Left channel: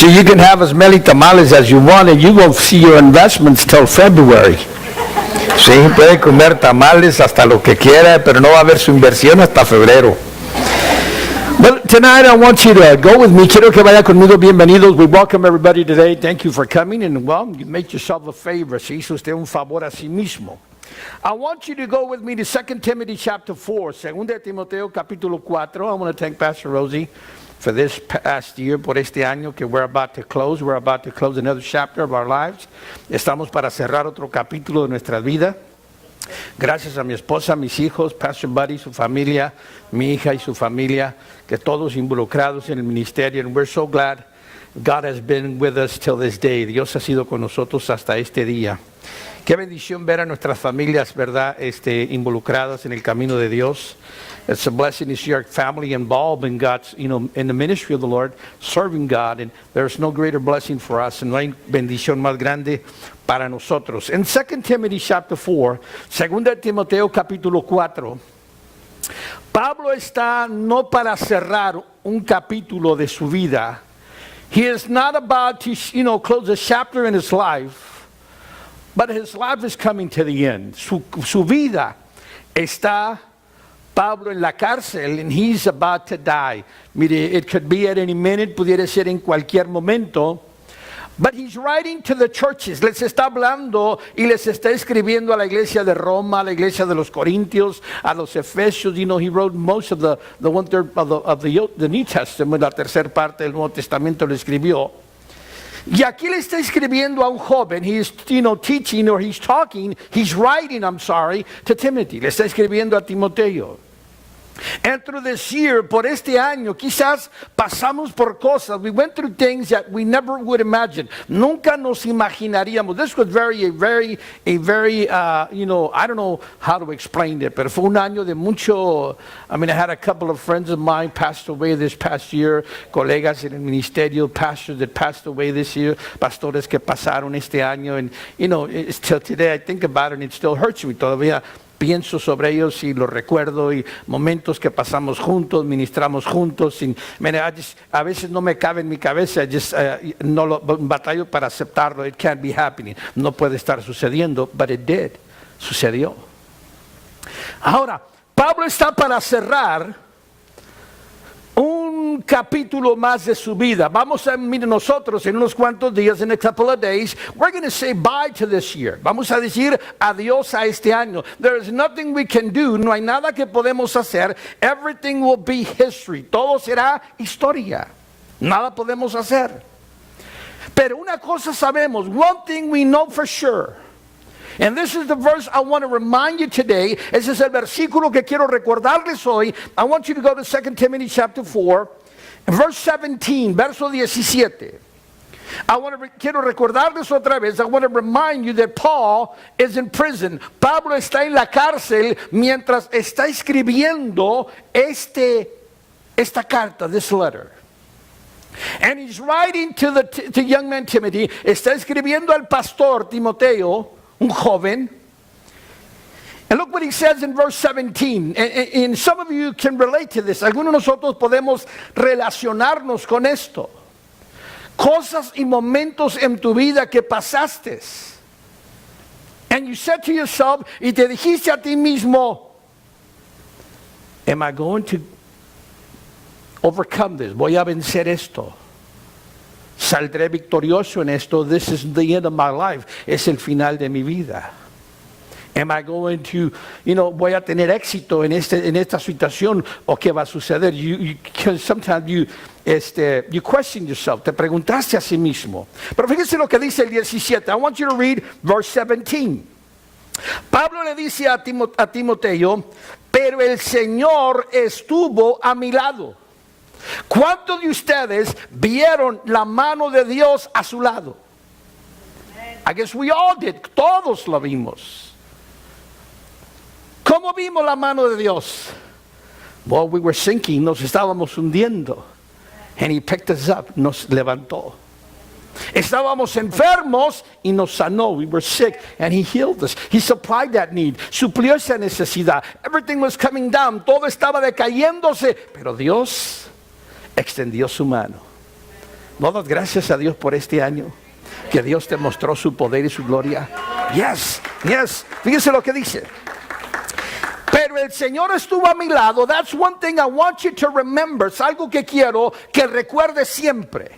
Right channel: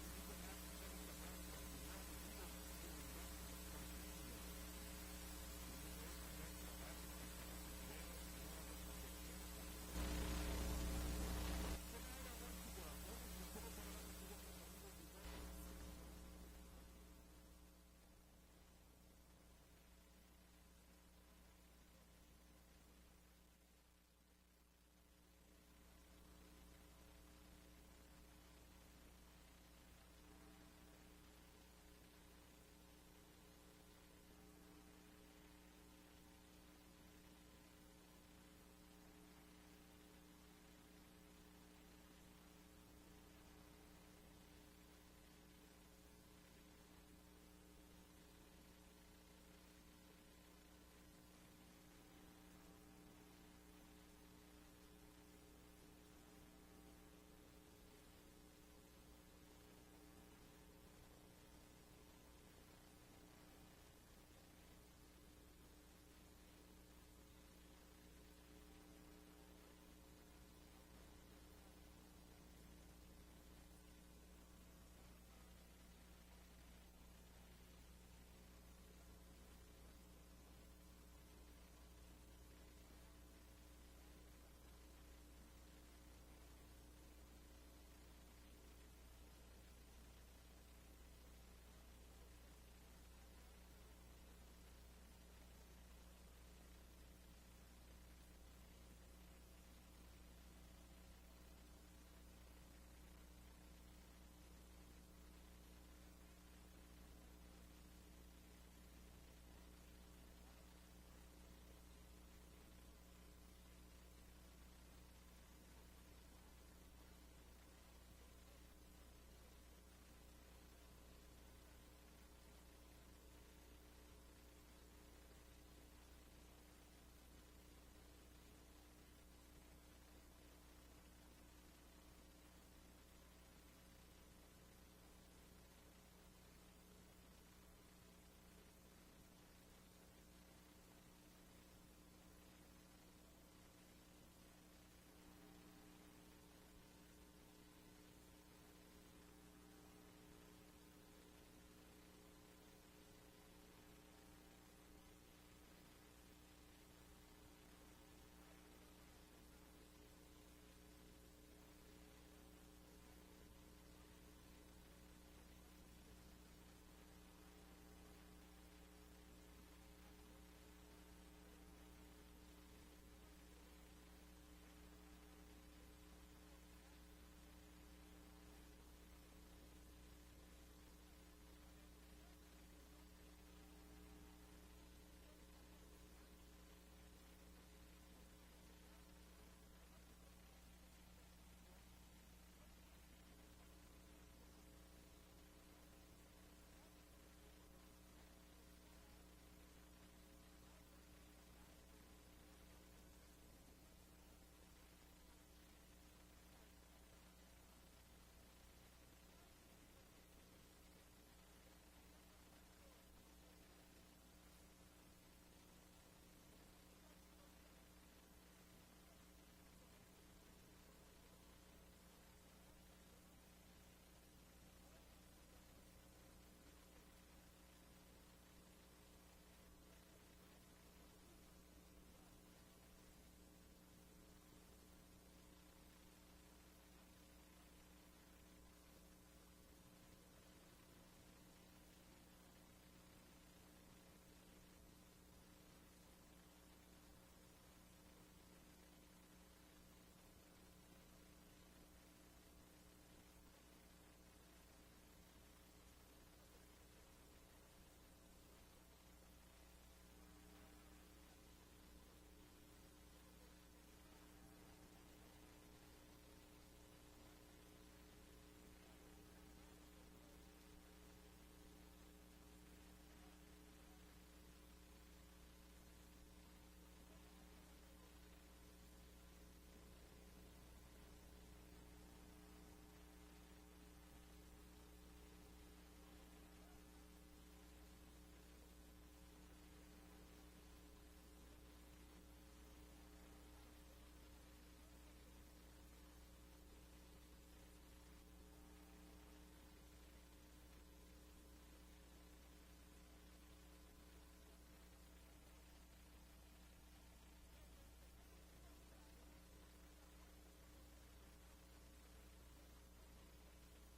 So you can have as many tamales as you want, and you won't see your investments till February. Sí, puede comer tamales hasta lo que quiera, pero no va a ver su inversión hasta febrero. But tonight I want you to go with me. Quiero que vaya conmigo. Bienvenidos. We welcome everybody today. Thank you for coming. And well, you make yourself a favor. Se hizo usted un favor a sí mismo. I want you to go with me to 2 Timothy chapter 4. 2 Timoteo capítulo 4. I want to thank Pastor Rosie for this past year, por este año que we're about to close. We're about to close another chapter of our lives. Estamos para cerrar otro capítulo de nuestra vida. Gracias a mi esposa, mis hijos, Pastor Buddy, su familia, mi hija y su familia, que todos involucrados en el ministerio. And we're so glad God has been with us till this day. Dios ha sido con nosotros hasta este día. Qué bendición ver a nuestras familias, ¿verdad? Involucradas en el camino de Dios. It's a blessing to see our family involved in God's, in the ministry of the Lord, serving God. And there's no greater blessing for us. And no hay bendición más grande para nosotros. In 2 Timothy chapter 4, 2 Timoteo capítulo 4, Pablo está no para cerrar un capítulo de su vida. He is not about to, close a chapter in his life, but his life is coming to the end. Su vida está Pablo en la cárcel, and he's about to die. Mire, it could be at any minute, pudiera ser en cualquier momento. But he's writing to the churches. Les está hablando y les está escribiendo a la iglesia de Roma, a la iglesia de los Corintios, a los Efesios. He wrote most of the 1/3 of the New Testament, la tercera parte del Nuevo Testamento lo escribió. Y aquí le está escribiendo a un joven. He's teaching, or he's talking, he's writing, to Timothy. Le está escribiendo a Timoteo. And through this year, por este año, quizás pasamos por cosas. We went through things that we never would imagine. Nunca nos imaginaríamos. This was a very, I don't know how to explain it, pero fue un año de mucho. I had a couple of friends of mine passed away this past year, colegas en el ministerio, pastors that passed away this year, pastores que pasaron este año. And, till today I think about it and it still hurts me. Todavía pienso sobre ellos y los recuerdo, y momentos que pasamos juntos, ministramos juntos. A veces no me cabe en mi cabeza, no lo batallo para aceptarlo. It can't be happening. No puede estar sucediendo, but it did. Sucedió. Ahora, Pablo está para cerrar un capítulo más de su vida. Vamos a mirar nosotros en unos cuantos días, in a couple of days, we're going to say bye to this year. Vamos a decir adiós a este año. There is nothing we can do. No hay nada que podemos hacer. Everything will be history. Todo será historia. Nada podemos hacer. Pero una cosa sabemos. One thing we know for sure. And this is the verse I want to remind you today. Ese es el versículo que quiero recordarles hoy. I want you to go to 2 Timothy chapter 4, verse 17, verso 17. Quiero recordarles otra vez. I want to remind you that Paul is in prison. Pablo está en la cárcel mientras está escribiendo esta carta, this letter. And he's writing to young man Timothy. Está escribiendo al pastor Timoteo, un joven. And look what he says in verse 17. And some of you can relate to this. Algunos de nosotros podemos relacionarnos con esto. Cosas y momentos en tu vida que pasaste. And you said to yourself, y te dijiste a ti mismo, am I going to overcome this? Voy a vencer esto. Saldré victorioso en esto. This is the end of my life. Es el final de mi vida. Am I going to, voy a tener éxito en esta situación, o qué va a suceder? Sometimes you question yourself. Te preguntaste a sí mismo. Pero fíjese lo que dice el 17. I want you to read verse 17. Pablo le dice a Timoteo, pero el Señor estuvo a mi lado. ¿Cuántos de ustedes vieron la mano de Dios a su lado? I guess we all did. Todos la vimos. ¿Cómo vimos la mano de Dios? Well, we were sinking. Nos estábamos hundiendo. And he picked us up. Nos levantó. Estábamos enfermos y nos sanó. We were sick and he healed us. He supplied that need. Suplió esa necesidad. Everything was coming down. Todo estaba decayéndose. Pero Dios extendió su mano. ¿No das gracias a Dios por este año? Que Dios te mostró su poder y su gloria. Yes, yes. Fíjese lo que dice. Pero el Señor estuvo a mi lado. That's one thing I want you to remember. Es algo que quiero que recuerdes siempre.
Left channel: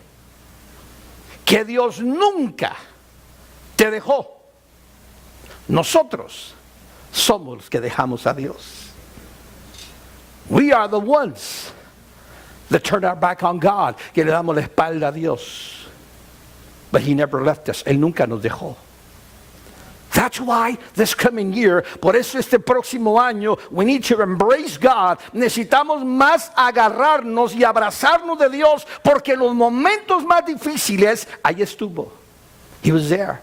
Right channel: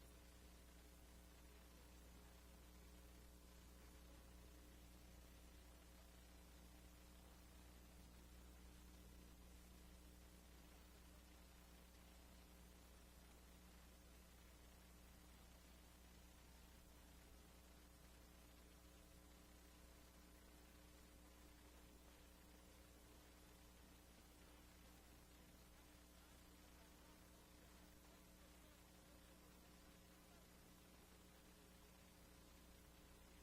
Que Dios nunca te dejó. Nosotros somos los que dejamos a Dios. We are the ones that turn our back on God. Que le damos la espalda a Dios. But He never left us. Él nunca nos dejó. That's why this coming year, por eso este próximo año, we need to embrace God. Necesitamos más agarrarnos y abrazarnos de Dios, porque en los momentos más difíciles, ahí estuvo. He was there.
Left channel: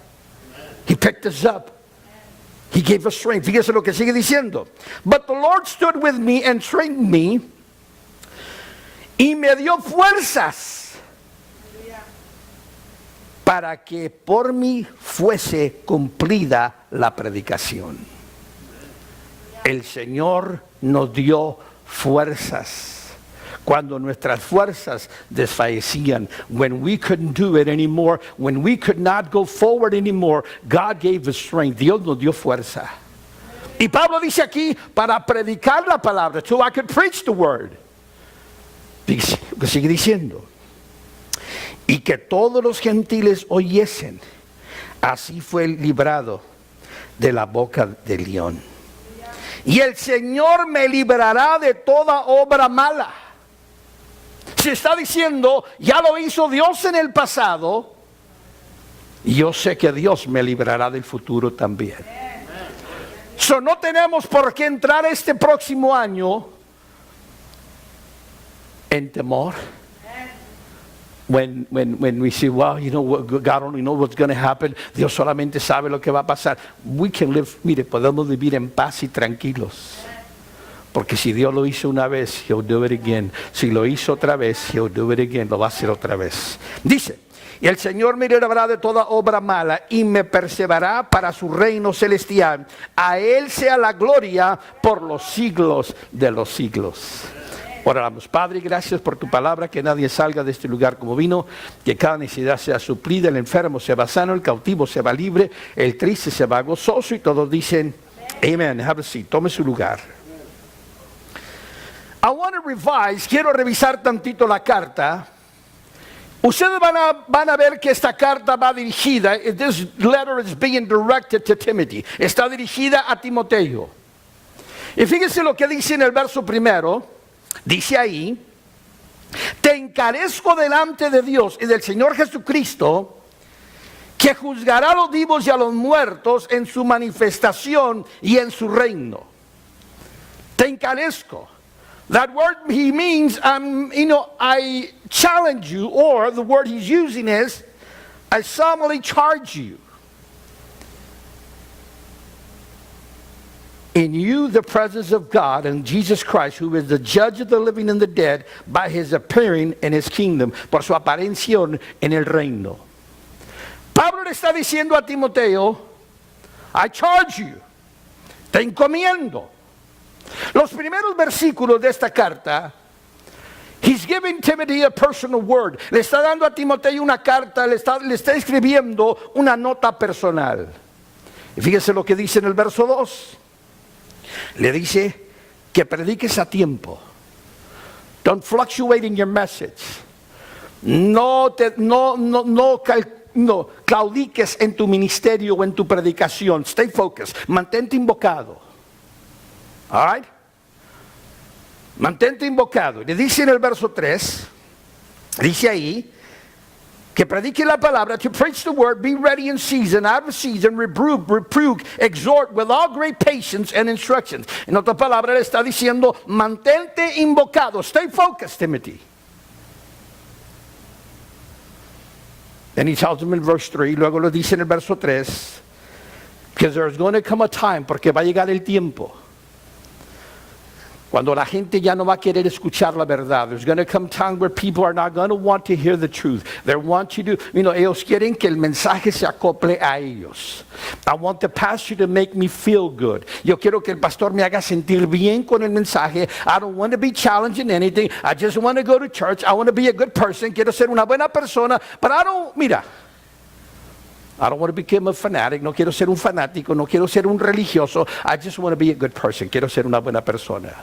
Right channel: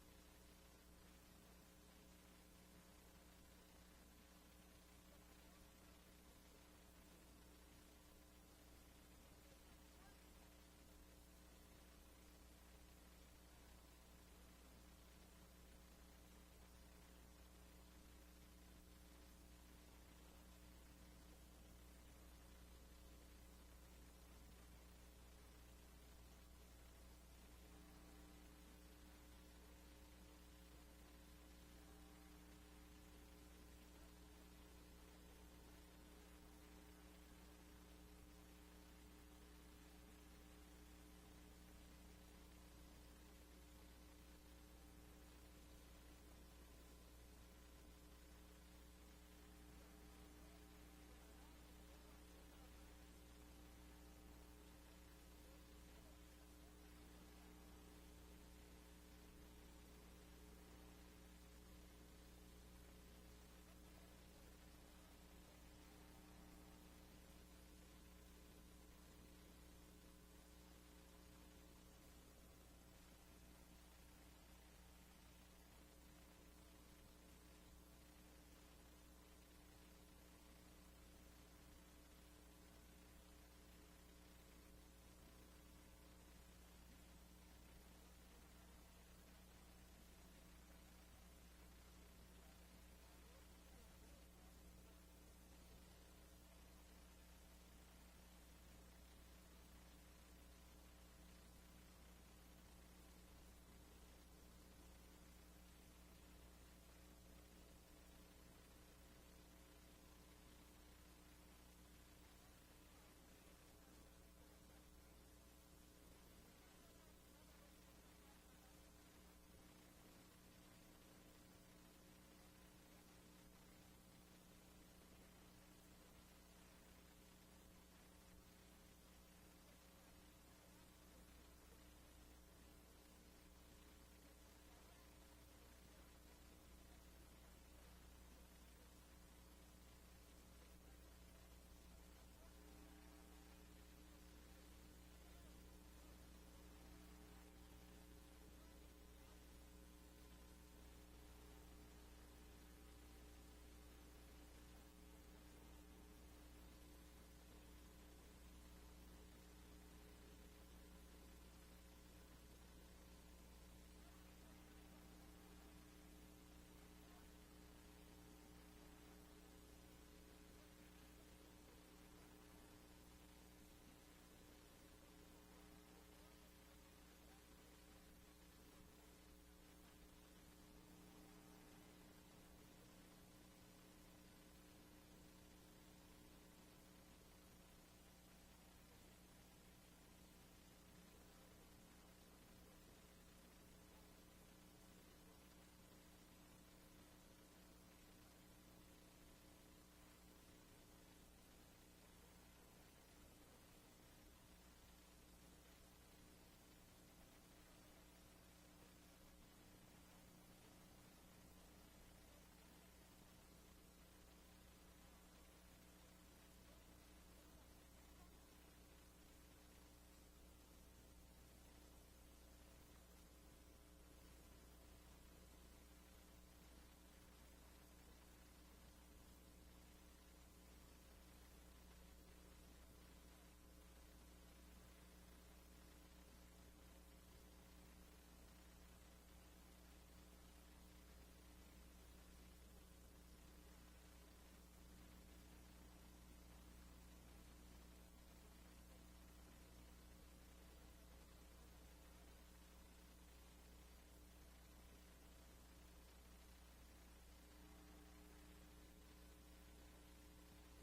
He picked us up. He gave us strength. Fíjese lo que sigue diciendo. But the Lord stood with me and strengthened me, y me dio fuerzas para que por mí fuese cumplida la predicación. El Señor nos dio fuerzas cuando nuestras fuerzas desfallecían. When we couldn't do it anymore, when we could not go forward anymore, God gave us strength. Dios nos dio fuerza. Y Pablo dice aquí, para predicar la palabra, so I could preach the word. Sigue diciendo. Y que todos los gentiles oyesen. Así fue librado de la boca del león. Y el Señor me librará de toda obra mala. Se está diciendo, ya lo hizo Dios en el pasado, y yo sé que Dios me librará del futuro también. So, no tenemos por qué entrar este próximo año en temor. When we say, well, you know, God only knows what's going to happen. Dios solamente sabe lo que va a pasar. We can live, mire, podemos vivir en paz y tranquilos. Porque si Dios lo hizo una vez, He'll do it again. Si lo hizo otra vez, He'll do it again. Lo va a hacer otra vez. Dice, y el Señor me librará de toda obra mala y me perseverará para su reino celestial. A Él sea la gloria por los siglos de los siglos. Oramos. Padre, gracias por tu palabra, que nadie salga de este lugar como vino, que cada necesidad sea suplida, el enfermo se va sano, el cautivo se va libre, el triste se va gozoso, y todos dicen Amen. Have a seat. Tome su lugar. I want to revise, quiero revisar tantito la carta. Ustedes van a ver que esta carta va dirigida, this letter is being directed to Timothy, está dirigida a Timoteo. Y fíjense lo que dice en el verso primero. Dice ahí, te encarezco delante de Dios y del Señor Jesucristo, que juzgará a los vivos y a los muertos en su manifestación y en su reino. Te encarezco. That word he means, I challenge you, or the word he's using is, I solemnly charge you. In you the presence of God and Jesus Christ, who is the judge of the living and the dead, by his appearing in his kingdom, por su aparición en el reino. Pablo le está diciendo a Timoteo, I charge you, te encomiendo. Los primeros versículos de esta carta, he's giving Timothy a personal word. Le está dando a Timoteo una carta, le está escribiendo una nota personal. Y fíjese lo que dice en el verso 2. Le dice que prediques a tiempo. Don't fluctuate in your message. No claudiques en tu ministerio o en tu predicación. Stay focused. Mantente invocado. All right? Mantente invocado. Le dice en el verso 3, dice ahí, que predique la palabra, to preach the word, be ready in season, out of season, reprove, exhort with all great patience and instructions. En otra palabra le está diciendo, mantente invocado, stay focused, Timothy. Then he tells him in verse 3, luego lo dice en el verso 3, because there's going to come a time, porque va a llegar el tiempo, Cuando la gente ya no va a querer escuchar la verdad. There's going to come a time where people are not going to want to hear the truth. They want you to, ellos quieren que el mensaje se acople a ellos. I want the pastor to make me feel good. Yo quiero que el pastor me haga sentir bien con el mensaje. I don't want to be challenged in anything. I just want to go to church. I want to be a good person. Quiero ser una buena persona. But I don't want to become a fanatic. No quiero ser un fanático. No quiero ser un religioso. I just want to be a good person. Quiero ser una buena persona.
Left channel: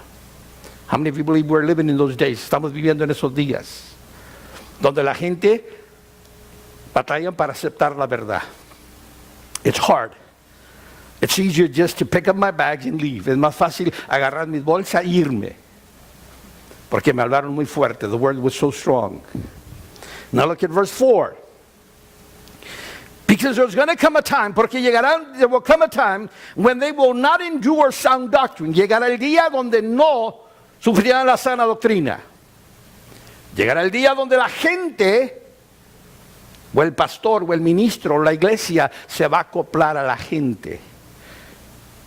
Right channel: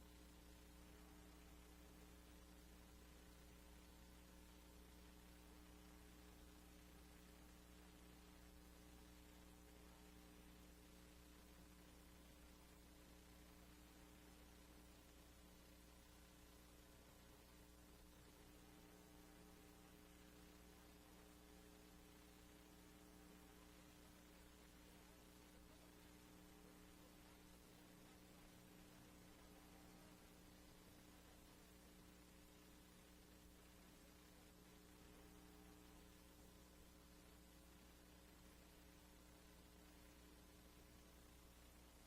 How many of you believe we're living in those days? Estamos viviendo en esos días donde la gente batalla para aceptar la verdad. It's hard. It's easier just to pick up my bags and leave. Es más fácil agarrar mis bolsas e irme. Porque me hablaron muy fuerte. The word was so strong. Now look at verse 4. Because there's going to come a time, porque there will come a time when they will not endure sound doctrine. Llegará el día donde no sufrirán la sana doctrina. Llegará el día donde la gente, o el pastor, o el ministro, o la iglesia, se va a acoplar a la gente.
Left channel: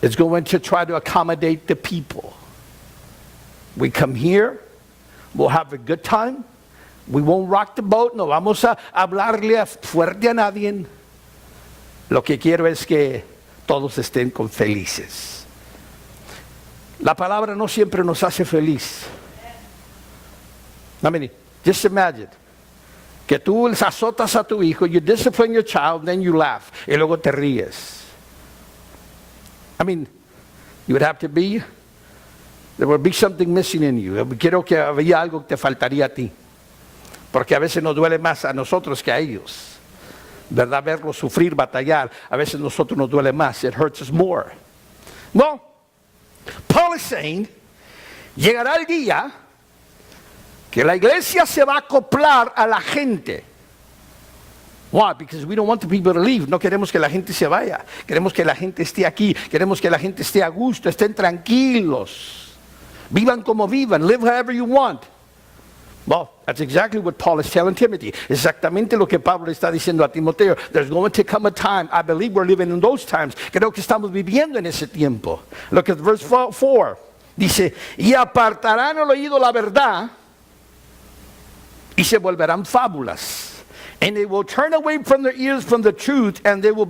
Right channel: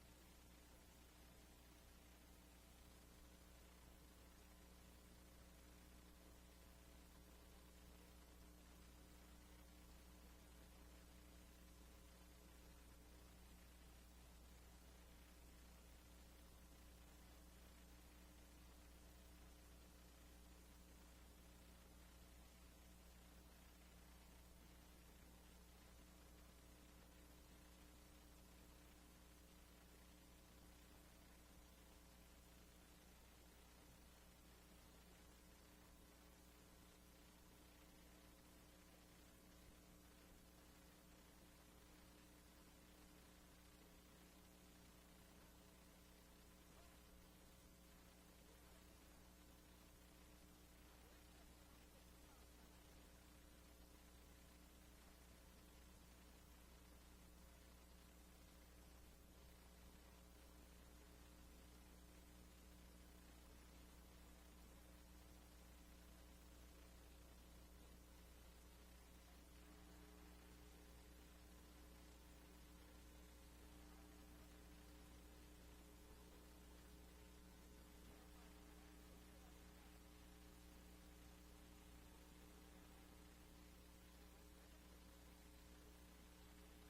It's going to try to accommodate the people. We come here, we'll have a good time, we won't rock the boat, no vamos a hablarle fuerte a nadie. Lo que quiero es que todos estén felices. La palabra no siempre nos hace feliz. I mean, just imagine que tú azotas a tu hijo, you discipline your child, then you laugh, y luego te ríes. I mean, you would have to be, there would be something missing in you. Quiero que había algo que te faltaría a ti. Porque a veces nos duele más a nosotros que a ellos. ¿Verdad? Verlos sufrir, batallar. A veces a nosotros nos duele más. It hurts us more. Well, Paul is saying, llegará el día que la iglesia se va a acoplar a la gente. Why? Because we don't want the people to leave. No queremos que la gente se vaya. Queremos que la gente esté aquí. Queremos que la gente esté a gusto, estén tranquilos. Vivan como vivan. Live however you want. Well, that's exactly what Paul is telling Timothy. Exactamente lo que Pablo está diciendo a Timoteo. There's going to come a time, I believe we're living in those times. Creo que estamos viviendo en ese tiempo. Look at verse 4. Dice, y apartarán el oído la verdad y se volverán fábulas. And they will turn away from their ears from the truth, and they will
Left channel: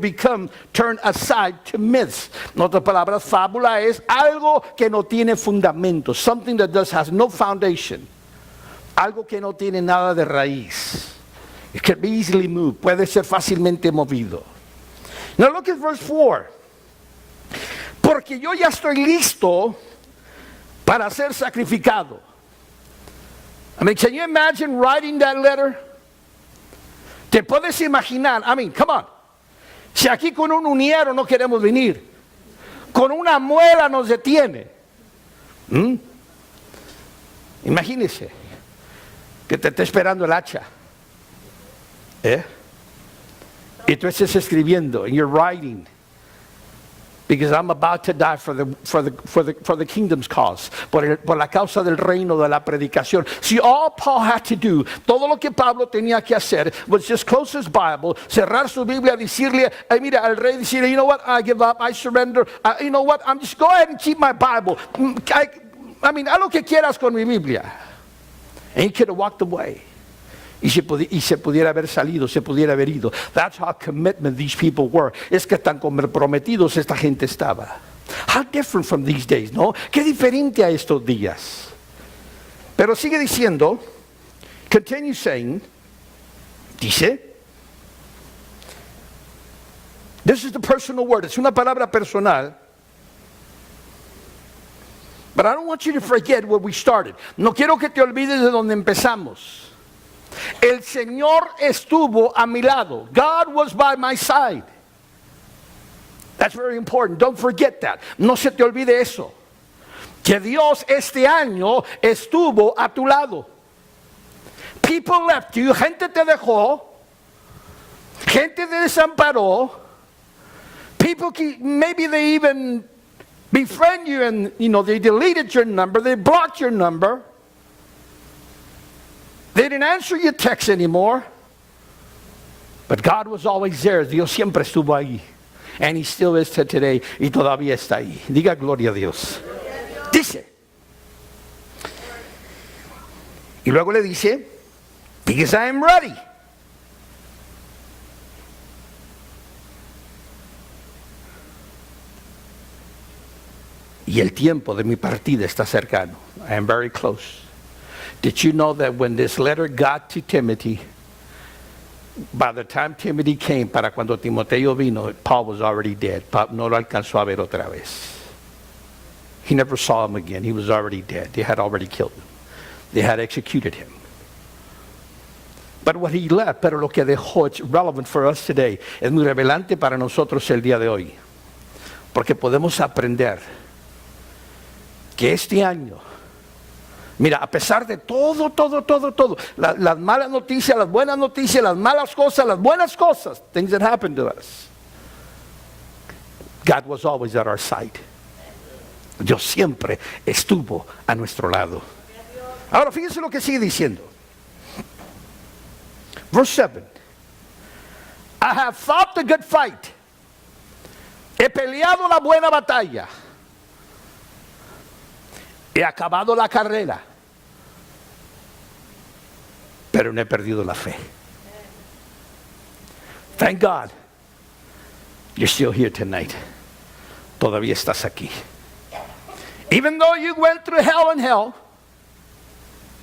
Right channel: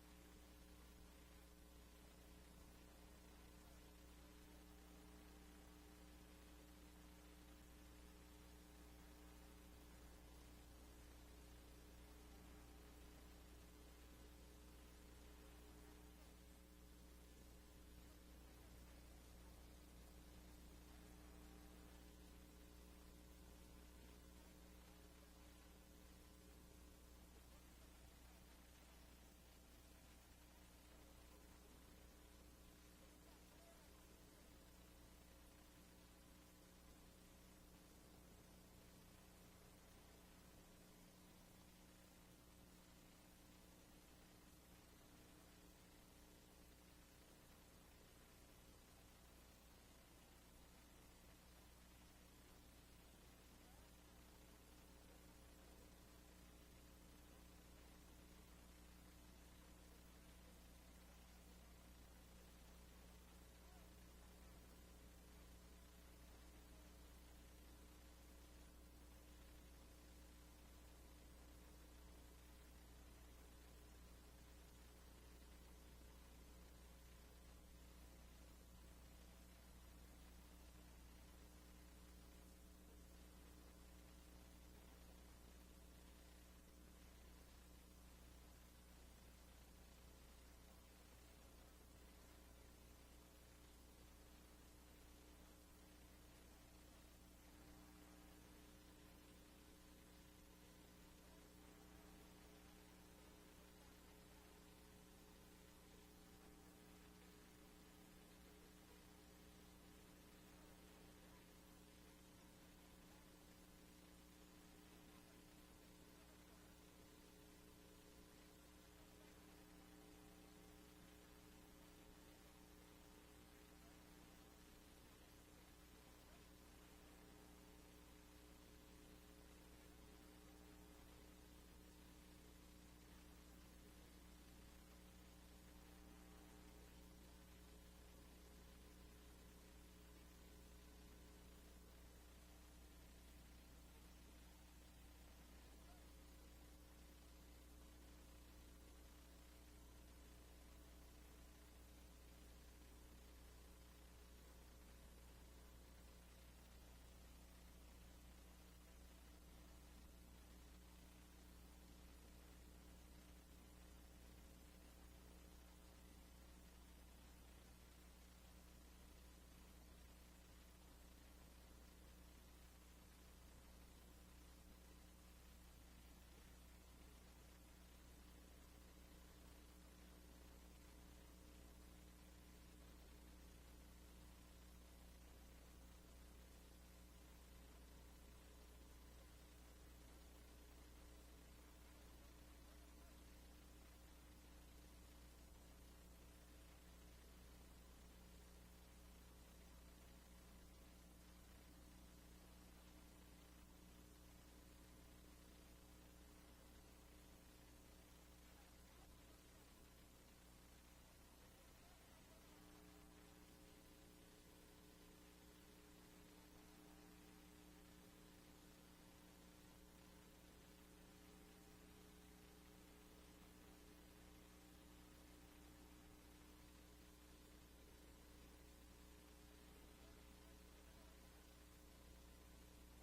turn aside to myths. En otras palabras, fábula es algo que no tiene fundamento. Something that has no foundation. Algo que no tiene nada de raíz. It can be easily moved. Puede ser fácilmente movido. Now look at verse 4. Porque yo ya estoy listo para ser sacrificado. I mean, can you imagine writing that letter? ¿Te puedes imaginar? I mean, come on. Si aquí con un uniero no queremos venir, con una muela nos detiene. Imagínese que te está esperando el hacha. Y tú estás escribiendo, and you're writing, because I'm about to die for the kingdom's cause, por la causa del reino, de la predicación. See, all Paul had to do, todo lo que Pablo tenía que hacer, was just close his Bible, cerrar su Biblia, decirle, mira, al rey, decirle, you know what, I give up, I surrender, you know what, I'm just go ahead and keep my Bible. I mean, haz lo que quieras con mi Biblia. And he could have walked away. Y se pudiera haber salido, se pudiera haber ido. That's how commitment these people were. Es que tan comprometidos esta gente estaba. How different from these days, ¿no? Qué diferente a estos días. Pero sigue diciendo, continue saying, dice, this is the personal word, es una palabra personal. But I don't want you to forget where we started. No quiero que te olvides de donde empezamos. El Señor estuvo a mi lado. God was by my side. That's very important. Don't forget that. No se te olvide eso. Que Dios este año estuvo a tu lado. People left you. Gente te dejó. Gente te desamparó. People, maybe they even befriend you and, they deleted your number. They blocked your number. They didn't answer your text anymore. But God was always there. Dios siempre estuvo ahí. And He still is today. Y todavía está ahí. Diga gloria a Dios. Dice, Y luego le dice, because I am ready. Y el tiempo de mi partida está cercano. I am very close. Did you know that when this letter got to Timothy, by the time Timothy came, para cuando Timoteo vino, Paul was already dead. Paul no lo alcanzó a ver otra vez. He never saw him again. He was already dead. They had already killed him. They had executed him. But what he left, pero lo que dejó, it's relevant for us today. Es muy relevante para nosotros el día de hoy. Porque podemos aprender que este año, mira, a pesar de todo, las malas noticias, las buenas noticias, las malas cosas, las buenas cosas, things that happened to us, God was always at our side. Dios siempre estuvo a nuestro lado. Ahora fíjense lo que sigue diciendo. Verse 7. I have fought the good fight. He peleado la buena batalla. He acabado la carrera. Pero no he perdido la fe. Thank God. You're still here tonight. Todavía estás aquí. Even though you went through hell and hell,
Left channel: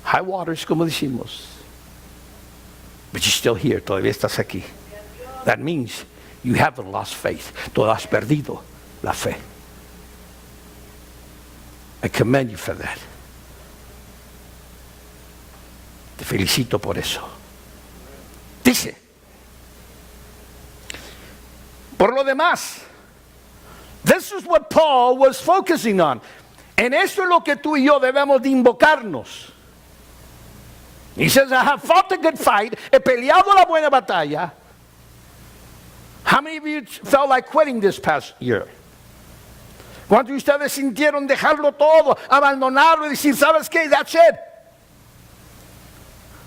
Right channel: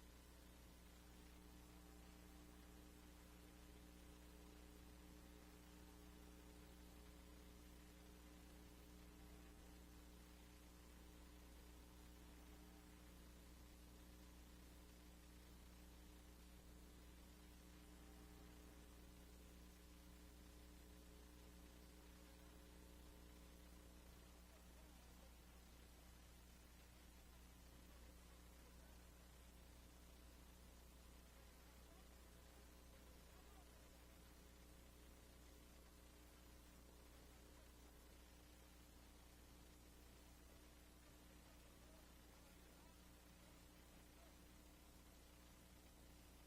high waters, como decimos, but you're still here, todavía estás aquí. That means you haven't lost faith. Tú has perdido la fe. I commend you for that. Te felicito por eso. Dice, por lo demás, this is what Paul was focusing on. En esto es lo que tú y yo debemos de invocarnos. He says, I have fought a good fight. He peleado la buena batalla. How many of you felt like quitting this past year? ¿Cuántos de ustedes sintieron dejarlo todo, abandonarlo y decir, ¿sabes qué? That's it.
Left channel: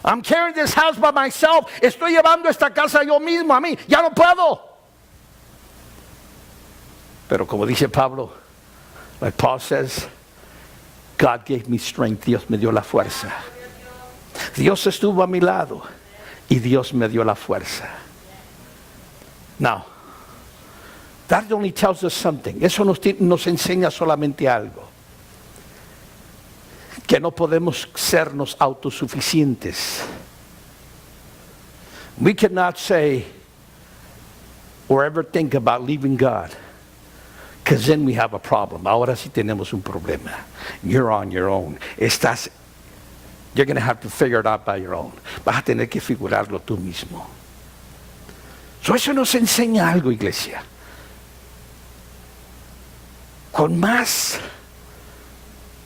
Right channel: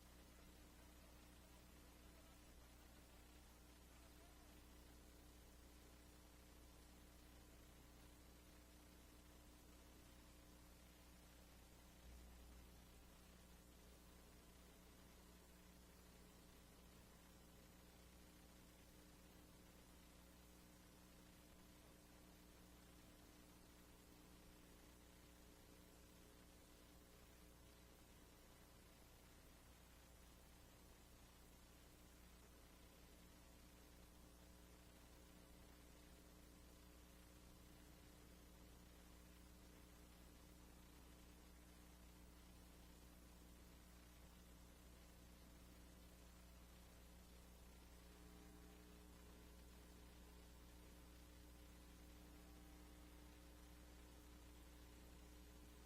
I'm carrying this house by myself. Estoy llevando esta casa yo mismo a mí. Ya no puedo. Pero como dice Pablo, like Paul says, God gave me strength. Dios me dio la fuerza. Dios estuvo a mi lado y Dios me dio la fuerza. Now, that only tells us something. Eso nos enseña solamente algo. Que no podemos sernos autosuficientes. We cannot say or ever think about leaving God, because then we have a problem. Ahora sí tenemos un problema. You're on your own. You're going to have to figure it out by your own. Vas a tener que figurarlo tú mismo. So eso nos enseña algo, iglesia. Con más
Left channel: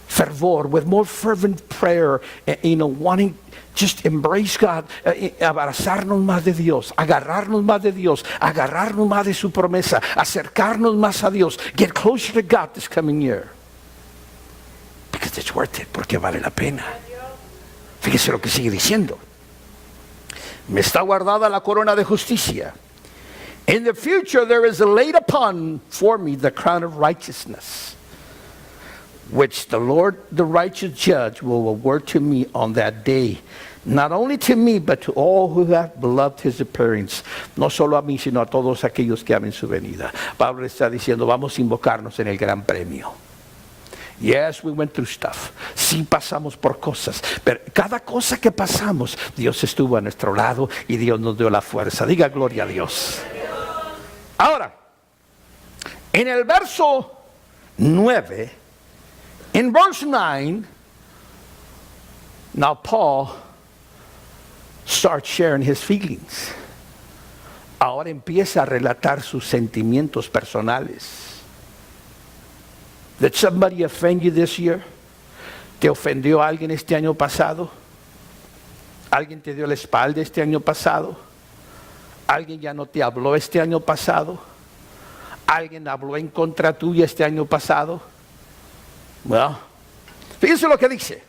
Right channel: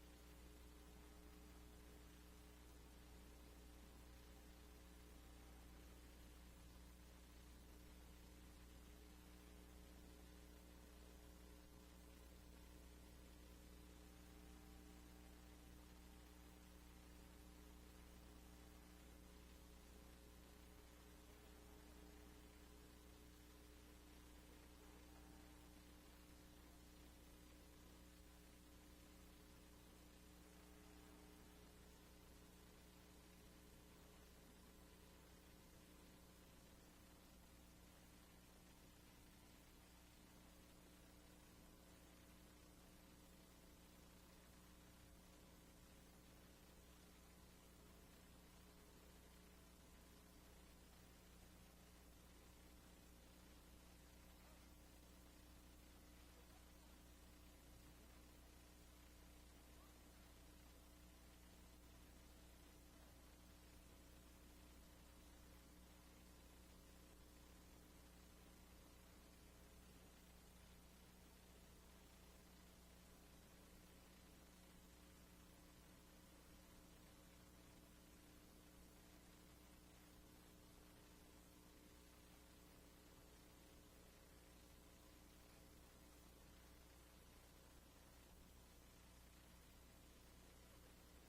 fervor, with more fervent prayer, wanting just embrace God, abrazarnos más de Dios, agarrarnos más de Dios, agarrarnos más de su promesa, acercarnos más a Dios, get closer to God this coming year. Because it's worth it, porque vale la pena. Fíjese lo que sigue diciendo. Me está guardada la corona de justicia. In the future there is laid upon for me the crown of righteousness, which the Lord, the righteous judge, will award to me on that day. Not only to me, but to all who have beloved his appearance. No solo a mí, sino a todos aquellos que amen su venida. Pablo está diciendo, vamos a invocarnos en el gran premio. Yes, we went through stuff. Sí pasamos por cosas, pero cada cosa que pasamos, Dios estuvo a nuestro lado y Dios nos dio la fuerza. Diga gloria a Dios. Ahora, en el verso 9, in verse 9, now Paul starts sharing his feelings. Ahora empieza a relatar sus sentimientos personales. Did somebody offend you this year? ¿Te ofendió alguien este año pasado? ¿Alguien te dio la espalda este año pasado? ¿Alguien ya no te habló este año pasado? ¿Alguien habló en contra tuya este año pasado? Well, fíjense lo que dice.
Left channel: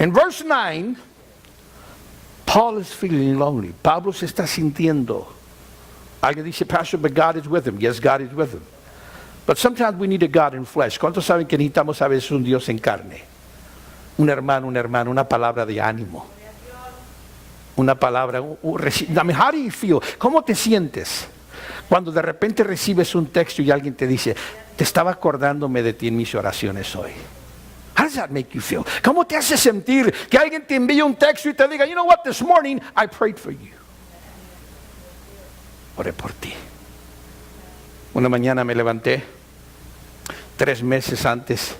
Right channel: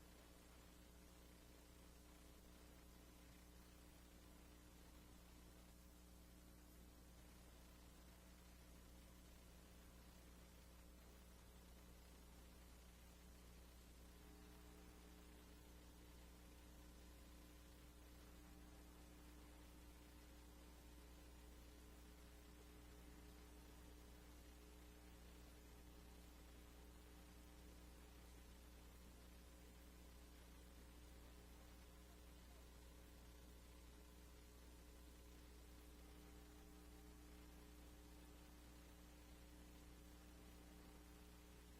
En verse 9, Paul is feeling lonely. Pablo se está sintiendo. Alguien dice, Pastor, but God is with him. Yes, God is with him. But sometimes we need a God in flesh. ¿Cuántos saben que necesitamos a veces un Dios en carne? un hermano, una hermana, una palabra de ánimo. Una palabra. I mean, how do you feel? ¿Cómo te sientes cuando de repente recibes un texto y alguien te dice, te estaba acordándome de ti en mis oraciones hoy? How does that make you feel? ¿Cómo te hace sentir que alguien te envíe un texto y te diga, you know what, this morning I prayed for you? Oré por ti. Una mañana me levanté 3 meses antes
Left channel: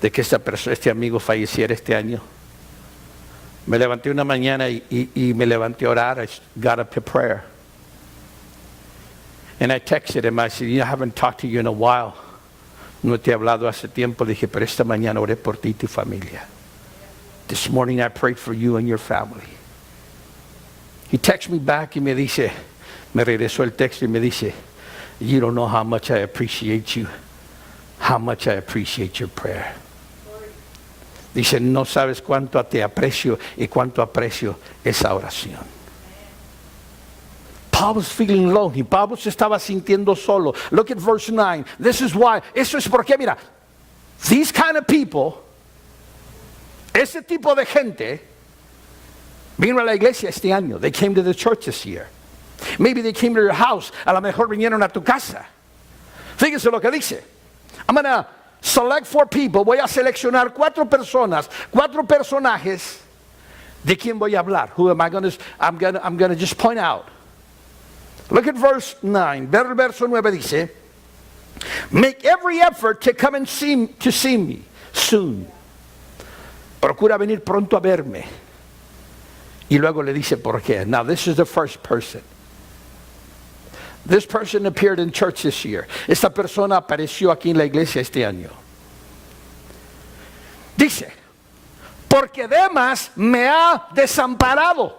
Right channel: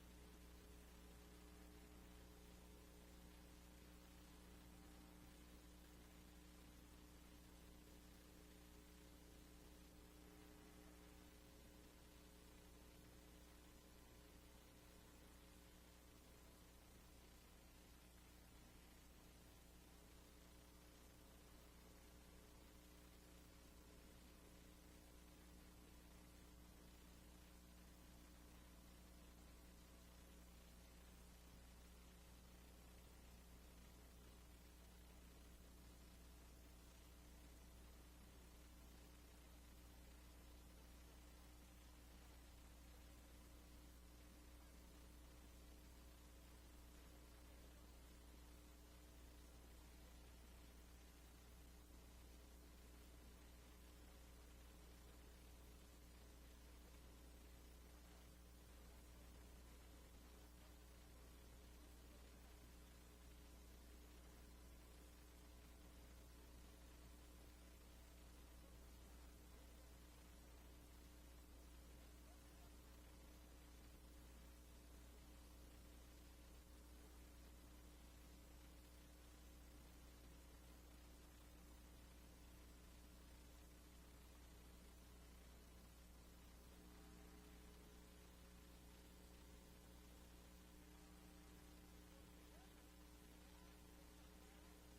de que este amigo falleciera este año. Me levanté una mañana y me levanté a orar. I got up to prayer. And I texted him. I said, I haven't talked to you in a while. No te he hablado hace tiempo. Dije, pero esta mañana oré por ti y tu familia. This morning I prayed for you and your family. He texted me back y me dice, me regresó el texto y me dice, you don't know how much I appreciate you. How much I appreciate your prayer. Dice, no sabes cuánto te aprecio y cuánto aprecio esa oración. Paul was feeling lonely. Pablo se estaba sintiendo solo. Look at verse 9. This is why. Eso es porque, mira, these kind of people, ese tipo de gente, vino a la iglesia este año. They came to the church this year. Maybe they came to your house. A lo mejor vinieron a tu casa. Fíjense lo que dice. I'm going to select 4 people. Voy a seleccionar 4 personas, 4 personajes. ¿De quién voy a hablar? Who am I going to? I'm going to just point out. Look at verse 9. Verso 9 dice, make every effort to come and see me soon. Procura venir pronto a verme. Y luego le dice por qué. Now this is the first person. This person appeared in church this year. Esta persona apareció aquí en la iglesia este año. Dice, porque Demas me ha desamparado.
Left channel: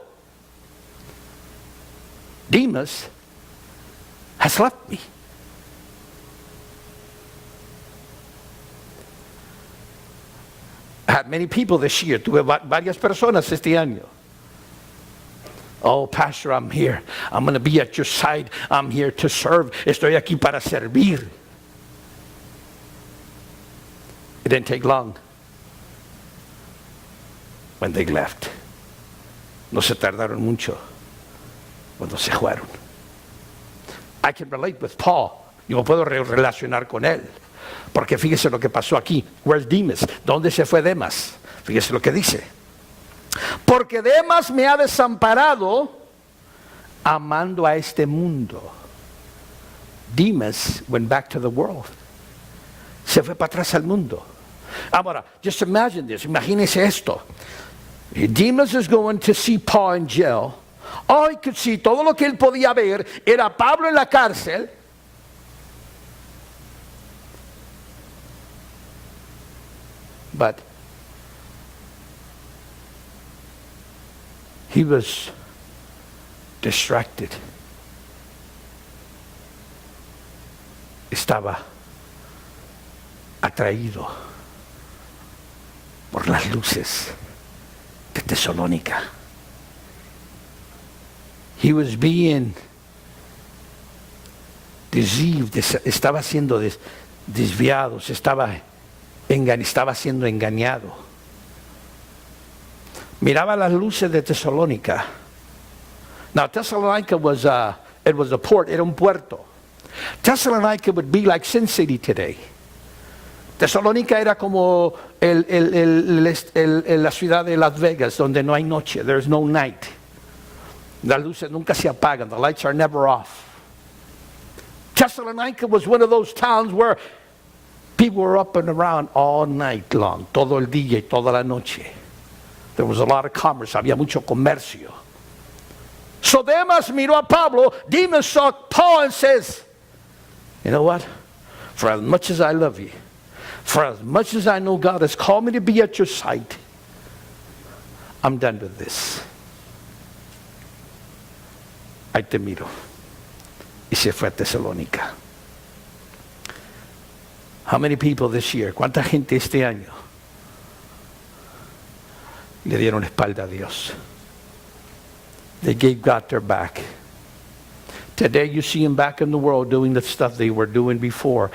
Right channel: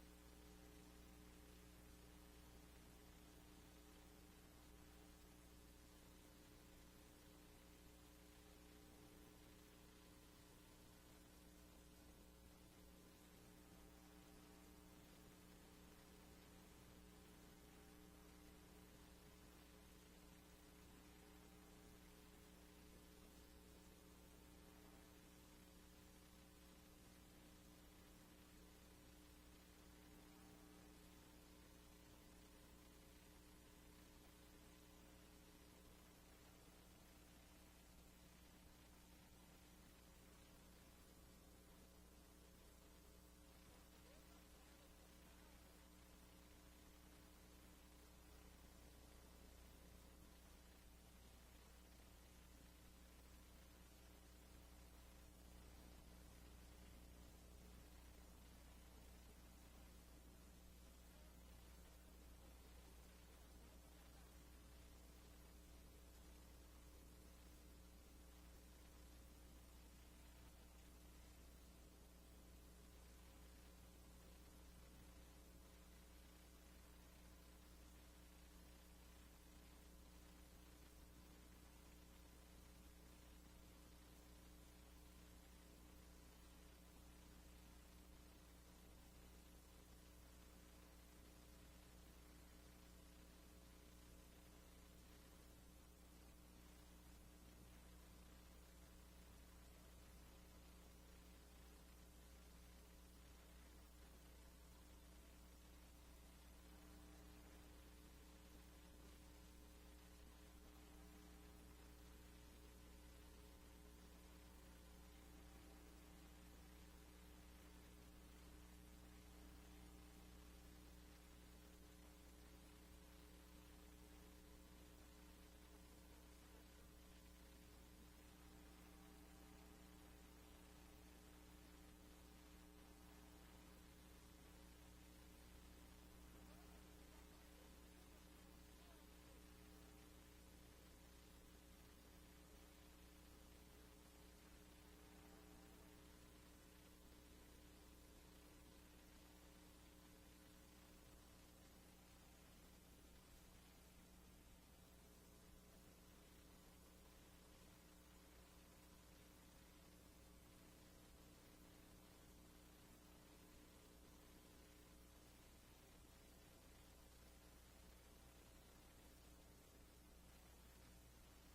Demas has left me. I had many people this year. Tuve varias personas este año. Oh, Pastor, I'm here. I'm going to be at your side. I'm here to serve. Estoy aquí para servir. It didn't take long when they left. No se tardaron mucho cuando se fueron. I can relate with Paul. Yo me puedo relacionar con él. Porque fíjese lo que pasó aquí. Where's Demas? ¿Dónde se fue Demas? Fíjese lo que dice. Porque Demas me ha desamparado amando a este mundo. Demas went back to the world. Se fue para atrás al mundo. Ahora, just imagine this. Imagínese esto. Demas is going to see Paul in jail. All he could see, todo lo que él podía ver era Pablo en la cárcel. But he was distracted. Estaba atraído por las luces de Tesalónica. He was being deceived. Estaba siendo desviado. Estaba siendo engañado. Miraba las luces de Tesalónica. Now, Thessalonica was a port, era un puerto. Thessalonica would be like Sin City today. Tesalónica era como la ciudad de Las Vegas, donde no hay noche. There's no night. Las luces nunca se apagan. The lights are never off. Thessalonica was one of those towns where people were up and around all night long, todo el día y toda la noche. There was a lot of commerce, había mucho comercio. So Demas miró a Pablo. Demas saw Paul and says, you know what? For as much as I love you, for as much as I know God has called me to be at your side, I'm done with this. Ahí te miro. Y se fue a Tesalónica. How many people this year? ¿Cuánta gente este año le dieron espalda a Dios? They gave God their back. Today you see them back in the world doing the stuff they were doing before.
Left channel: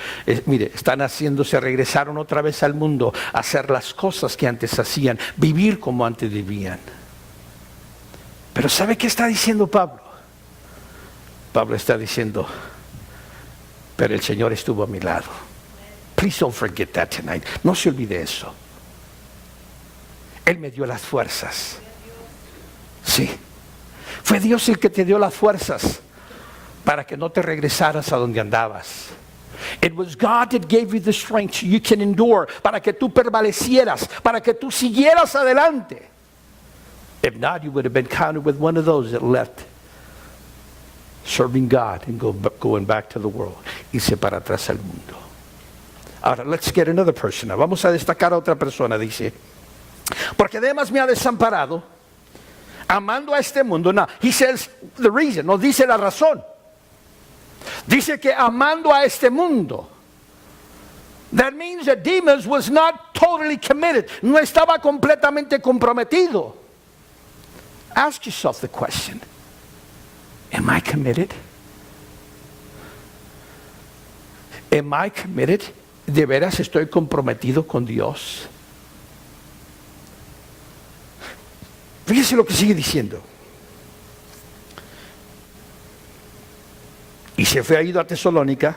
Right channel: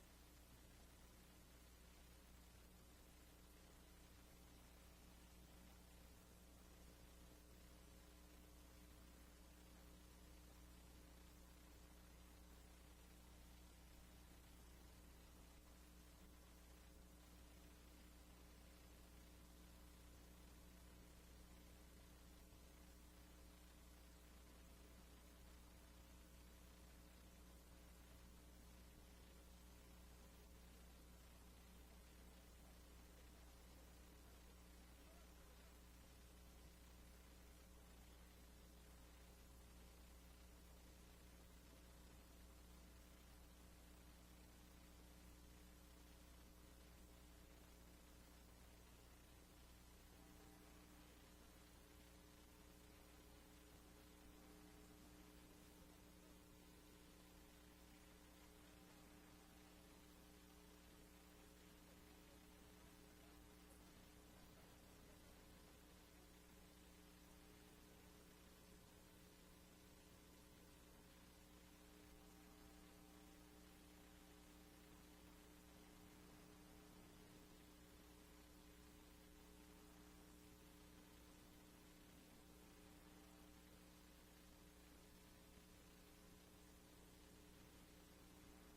Mire, están haciéndose, regresaron otra vez al mundo a hacer las cosas que antes hacían, vivir como antes vivían. Pero ¿sabe qué está diciendo Pablo? Pablo está diciendo, pero el Señor estuvo a mi lado. Please don't forget that tonight. No se olvide eso. Él me dio las fuerzas. Sí. Fue Dios el que te dio las fuerzas para que no te regresaras a donde andabas. It was God that gave you the strength so you can endure, para que tú prevalecieras, para que tú siguieras adelante. If not, you would have been counted with one of those that left serving God and going back to the world. Irse para atrás al mundo. Ahora, let's get another person. Vamos a destacar a otra persona, dice. Porque además me ha desamparado, amando a este mundo. Now, he says the reason, no dice la razón. Dice que amando a este mundo. That means that Demas was not totally committed. No estaba completamente comprometido. Ask yourself the question, am I committed? Am I committed? ¿De veras estoy comprometido con Dios? Fíjese lo que sigue diciendo. Y se fue, ha ido a Tesalónica,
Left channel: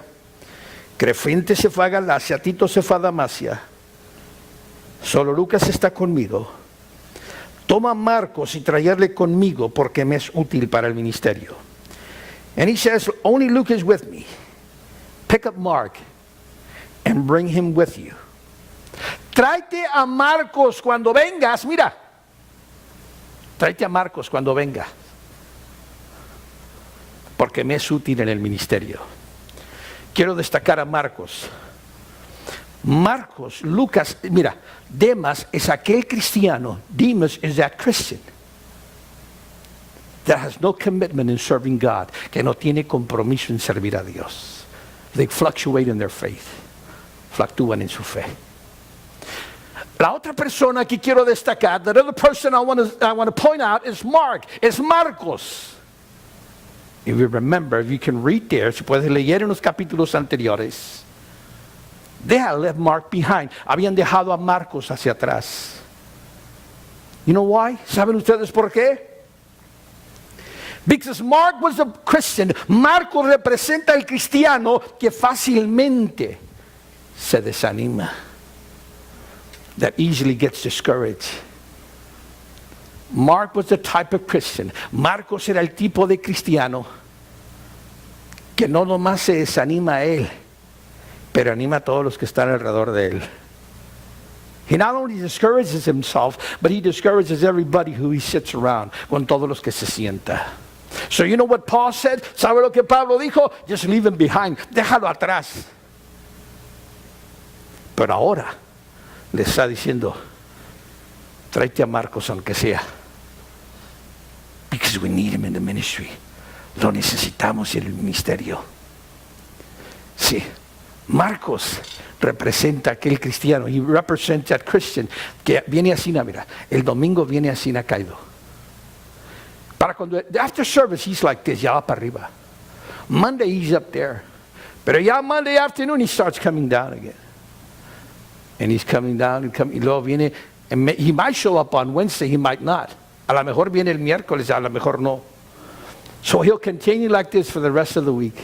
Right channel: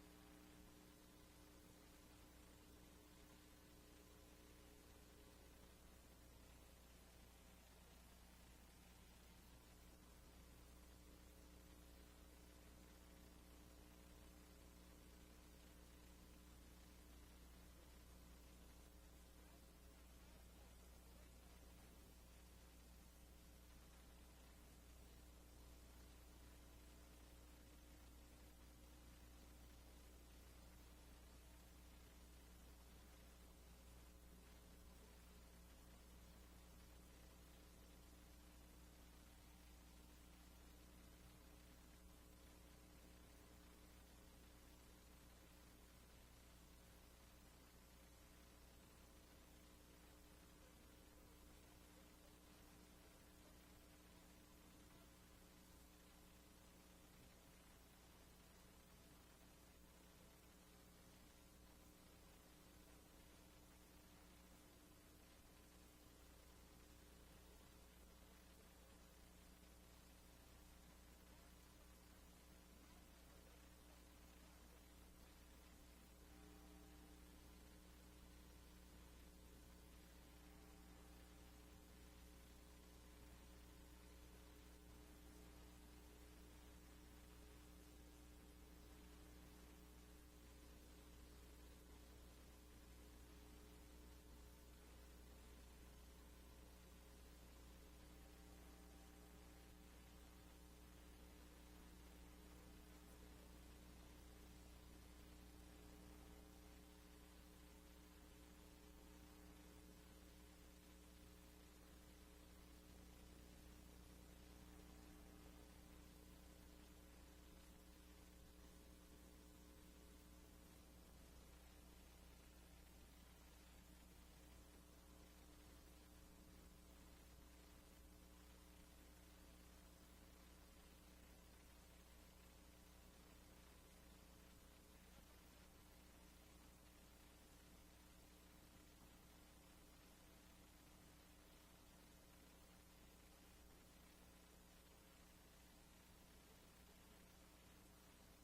Crescente se fue a Galacia, Tito se fue a Damasia, solo Lucas está conmigo. Toma a Marcos y traerle conmigo porque me es útil para el ministerio. And he says, only Luke is with me. Pick up Mark and bring him with you. Tráete a Marcos cuando vengas, mira. Tráete a Marcos cuando venga. Porque me es útil en el ministerio. Quiero destacar a Marcos. Marcos, Lucas, mira, Demas es aquel cristiano. Demas is that Christian that has no commitment in serving God, que no tiene compromiso en servir a Dios. They fluctuate in their faith. Fluctúan en su fe. La otra persona que quiero destacar, the other person I want to point out is Mark, es Marcos. If you remember, if you can read there, si puedes leer en los capítulos anteriores, they had left Mark behind. Habían dejado a Marcos hacia atrás. You know why? ¿Saben ustedes por qué? Because Mark was a Christian. Marcos representa al cristiano que fácilmente se desanima. That easily gets discouraged. Mark was the type of Christian. Marcos era el tipo de cristiano que no nomás se desanima a él, pero anima a todos los que están alrededor de él. He not only discourages himself, but he discourages everybody who he sits around, con todos los que se sienta. So you know what Paul said? ¿Sabe lo que Pablo dijo? Just leave him behind. Déjalo atrás. Pero ahora le está diciendo, tráete a Marcos aunque sea. Because we need him in the ministry. Lo necesitamos en el ministerio. Sí, Marcos representa a aquel cristiano. He represents that Christian que viene así, mira, el domingo viene así caído. Para cuando, after service, he's like this, ya va para arriba. Monday, he's up there. Pero ya Monday afternoon, he starts coming down again. And he's coming down and coming. Y luego viene, and he might show up on Wednesday, he might not. A lo mejor viene el miércoles, a lo mejor no. So he'll continue like this for the rest of the week.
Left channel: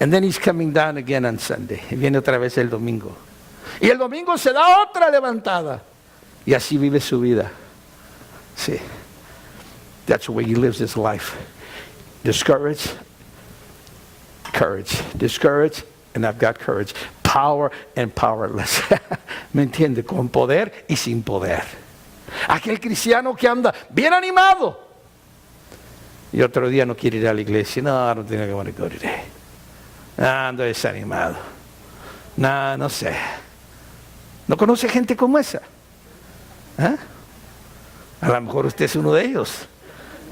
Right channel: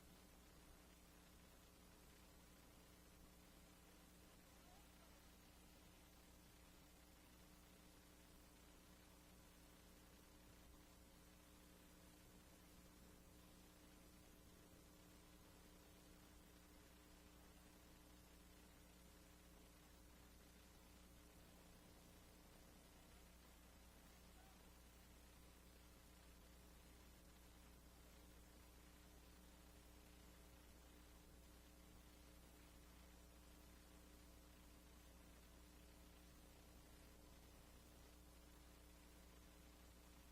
And then he's coming down again on Sunday. Y viene otra vez el domingo. Y el domingo se da otra levantada. Y así vive su vida. Sí. That's the way he lives his life. Discouraged, courage. Discouraged, and I've got courage. Power and powerless. ¿Me entiende? Con poder y sin poder. Aquel cristiano que anda bien animado. Y otro día no quiere ir a la iglesia. No, I don't think I want to go today. Ando desanimado. No sé. ¿No conoce gente como esa? ¿Eh? A lo mejor usted es uno de ellos.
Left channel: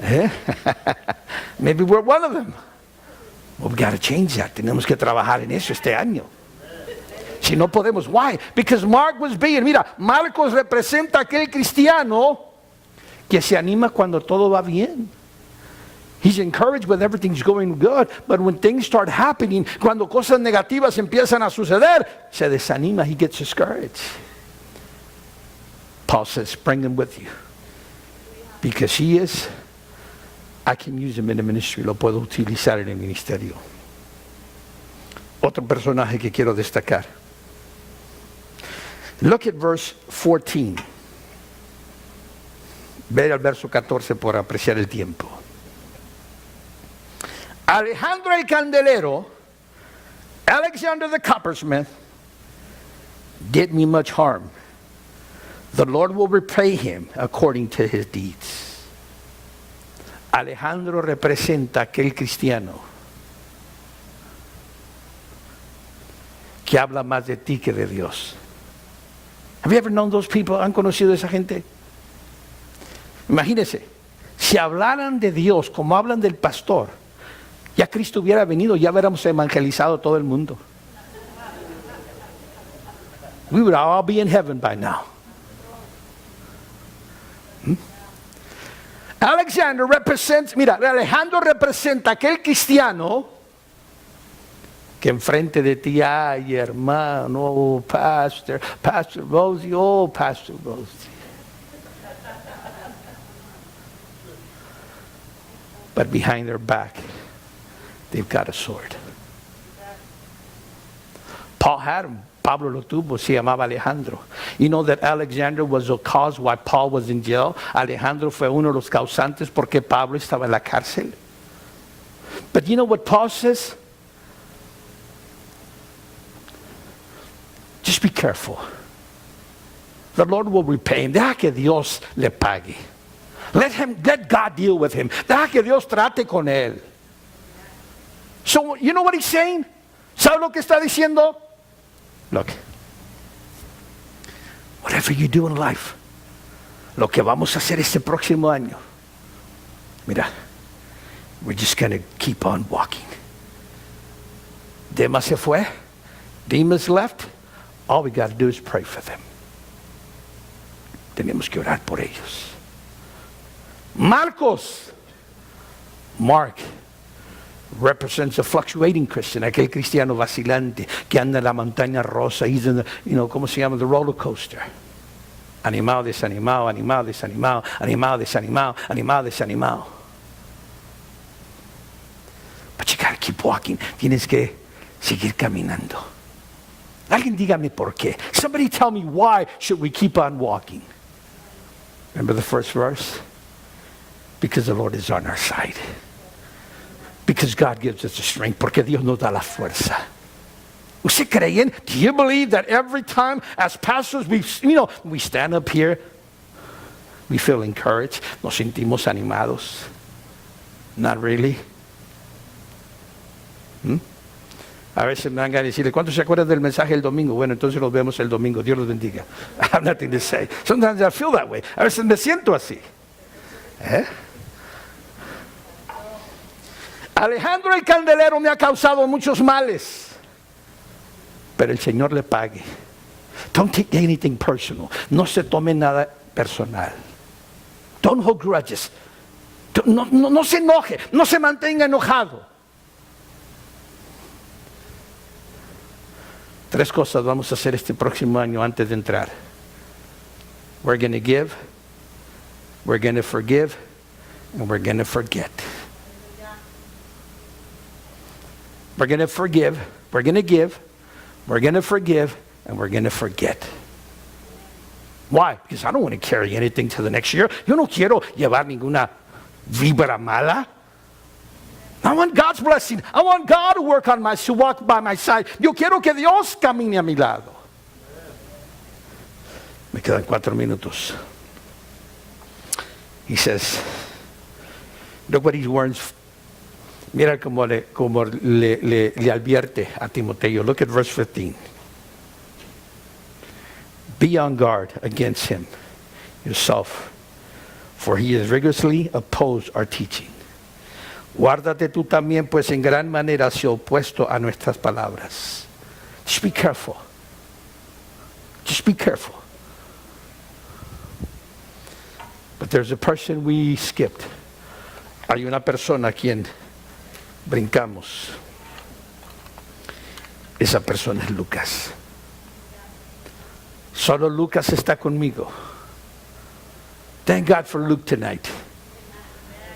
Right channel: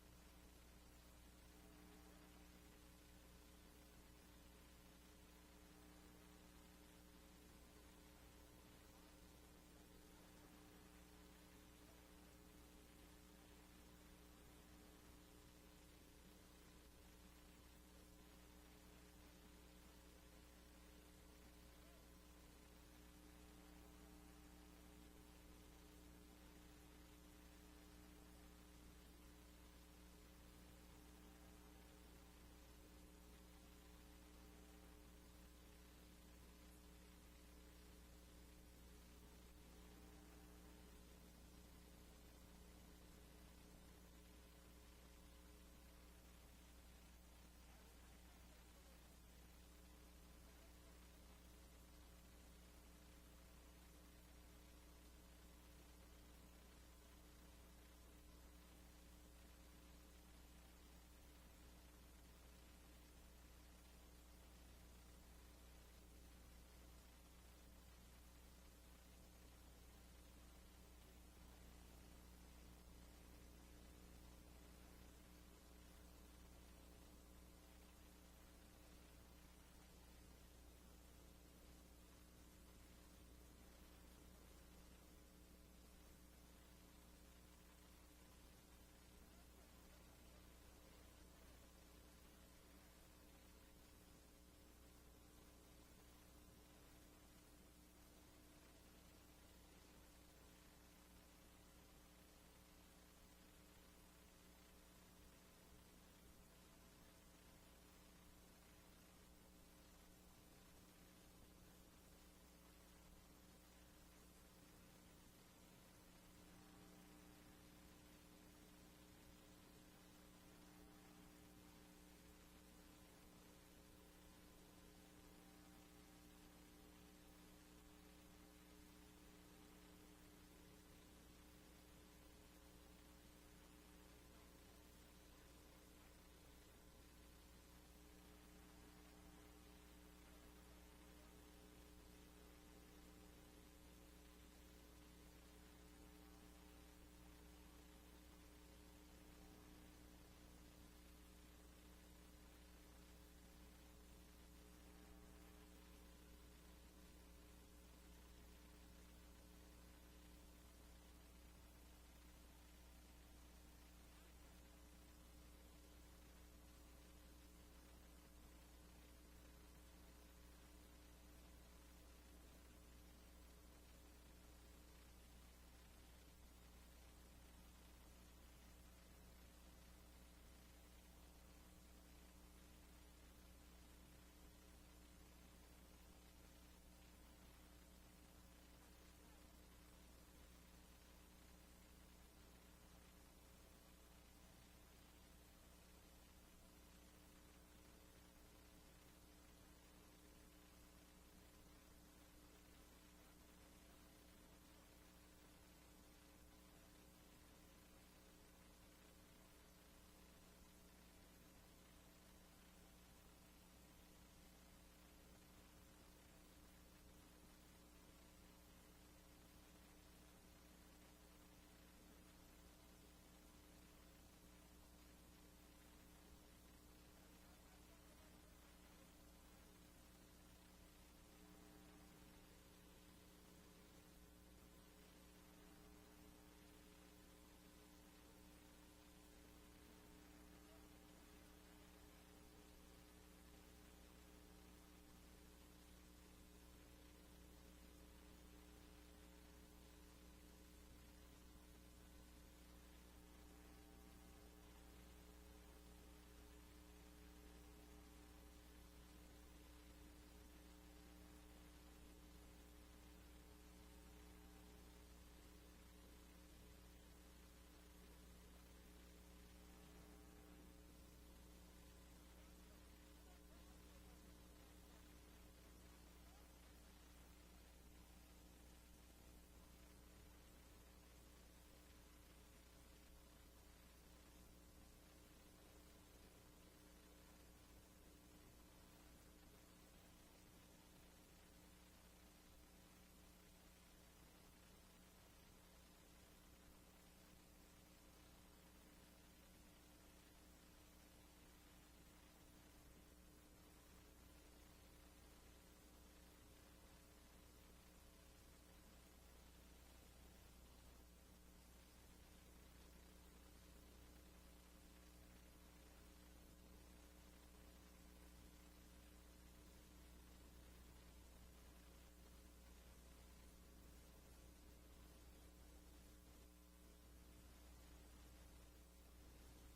¿Eh? Maybe we're one of them. Well, we got to change that. Tenemos que trabajar en eso este año. Si no podemos, why? Because Mark was being, mira, Marcos representa a aquel cristiano que se anima cuando todo va bien. He's encouraged when everything's going good, but when things start happening, cuando cosas negativas empiezan a suceder, se desanima, he gets discouraged. Paul says, bring him with you. Because he is, I can use him in the ministry, lo puedo utilizar en el ministerio. Otro personaje que quiero destacar. Look at verse 14. Ve al verso 14 por apreciar el tiempo. Alejandro el candelero, Alexander the coppersmith, did me much harm. The Lord will repay him according to his deeds. Alejandro representa a aquel cristiano que habla más de ti que de Dios. Have you ever known those people? ¿Han conocido a esa gente? Imagínense, si hablaran de Dios como hablan del pastor, ya Cristo hubiera venido, ya hubiéramos evangelizado todo el mundo. We would all be in heaven by now. Alexander represents, mira, Alejandro representa a aquel cristiano que enfrente de ti, ay hermano, oh, Pastor Rosie, oh Pastor Rosie. But behind their back, they've got a sword. Paul had him. Pablo lo tuvo, se llamaba Alejandro. You know that Alexander was the cause why Paul was in jail. Alejandro fue uno de los causantes porque Pablo estaba en la cárcel. But you know what Paul says? Just be careful. The Lord will repay him. Deja que Dios le pague. Let God deal with him. Deja que Dios trate con él. So, you know what he's saying? ¿Sabe lo que está diciendo? Look, whatever you do in life, lo que vamos a hacer este próximo año, mira, we're just going to keep on walking. Demas se fue. Demas left. All we got to do is pray for them. Tenemos que orar por ellos. Mark represents a fluctuating Christian, aquel cristiano vacilante que anda en la montaña rosa, he's in the, ¿cómo se llama? The roller coaster. Animado, desanimado, animado, desanimado, animado, desanimado, animado, desanimado. But you gotta keep walking. Tienes que seguir caminando. Alguien dígame por qué. Somebody tell me why should we keep on walking. Remember the first verse? Because the Lord is on our side. Because God gives us the strength. Porque Dios nos da la fuerza. ¿Usted creen? Do you believe that every time as pastors we stand up here, we feel encouraged, nos sentimos animados? Not really. A veces me van a decirle, ¿cuántos se acuerdan del mensaje el domingo? Bueno, entonces los vemos el domingo. Dios los bendiga. I have nothing to say. Sometimes I feel that way. A veces me siento así. Alejandro el candelero me ha causado muchos males, pero el Señor le pague. Don't take anything personal. No se tome nada personal. Don't hold grudges. No se enoje. No se mantenga enojado. 3 cosas vamos a hacer este próximo año antes de entrar. We're going to give, we're going to forgive, and we're going to forget. We're going to forgive, we're going to give, we're going to forgive, and we're going to forget. Why? Because I don't want to carry anything to the next year. Yo no quiero llevar ninguna vibra mala. I want God's blessing. I want God to work on to walk by my side. Yo quiero que Dios camine a mi lado. Me quedan 4 minutos. He says, look what he warns. Mira como le advierte a Timoteo. Look at verse 15. Be on guard against him yourself, for he has rigorously opposed our teaching. Guárdate tú también, pues en gran manera se ha opuesto a nuestras palabras. Just be careful. Just be careful. But there's a person we skipped. Hay una persona a quien brincamos. Esa persona es Lucas. Solo Lucas está conmigo. Thank God for Luke tonight.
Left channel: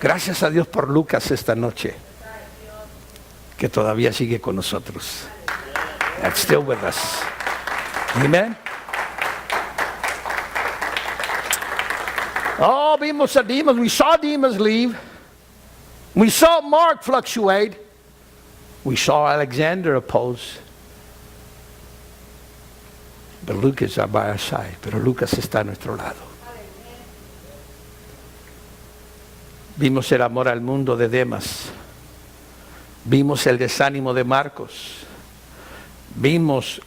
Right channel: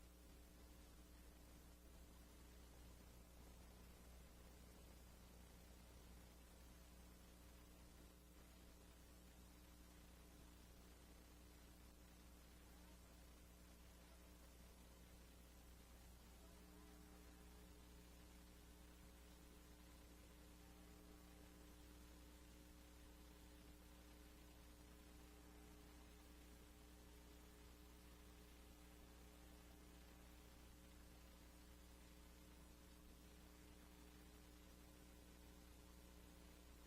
Gracias a Dios por Lucas esta noche, que todavía sigue con nosotros. That's still with us. Amen. Oh, vimos a Demas. We saw Demas leave. We saw Mark fluctuate. We saw Alexander oppose. But Lucas is by our side. Pero Lucas está a nuestro lado. Vimos el amor al mundo de Demas. Vimos el desánimo de Marcos. Vimos